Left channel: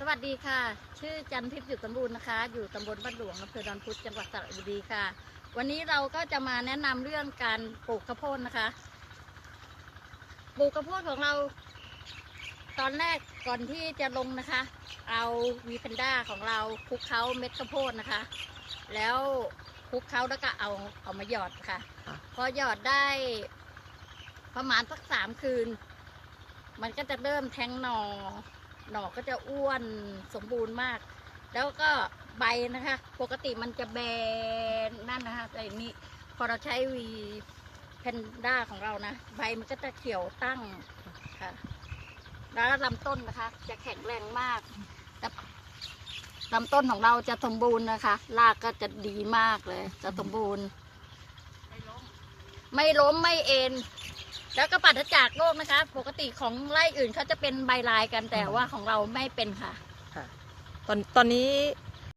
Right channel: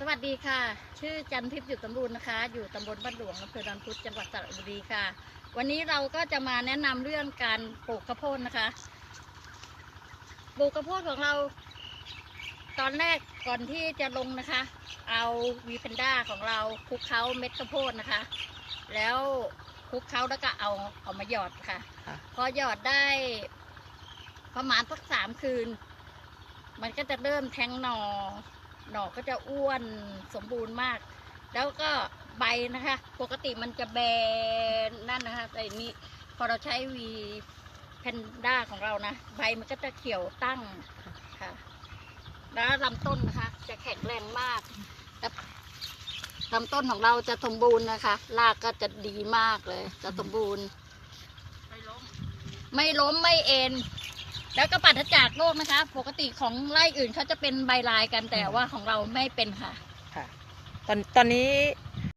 สวัสดีค่ะ ชื่อจันทิพย์อยู่สมบูรณ์นะคะ อยู่ตำบลบ้านหลวงอำเภอดอนพุธจังหวัดสระบุรีค่ะ วันนี้เราก็จะมาแนะนำเรื่องการปลูกข้าวโพดนะคะ ปลูกข้าวโพดของเรา ตอนแรกก่อนที่จะลงนะคะ เอาวีเพนด้าของเราคลุกเคล้าเม็ดข้าวโพดนะคะ แล้วคลุกเคล้าแล้วก็เอาเอามาหยอดค่ะค่ะพอหยอดได้ ประมาณสักสามคืน มันก็จะเริ่มแทงหนอ่อ หน่อก็จะอ้วนสมบูรณ์มาก แล้วก็ใบนะคะ ปกติมันจะแบนนั่นนะคะแต่นี้พอเราใช้วีแพนด้าของเรานะ ใบมันก็จะเขียวตั้งค่ะ แล้วลำต้นนะคะ จะแข็งแรงมากแล้วลำต้นของเราจะสมบูรณ์นะคะ รากก็จะดีมากเลย จะสมบูรณ์ ไม่ล้ม ไม่ล้มไม่เอ็น แล้วก็ปัดจากโรคนะคะ ปกติของไร่อื่นเขาจะเป็นใบลายกันแต่ว่าของเราไม่เป็นค่ะ ค่ะ ตอนตอนนี้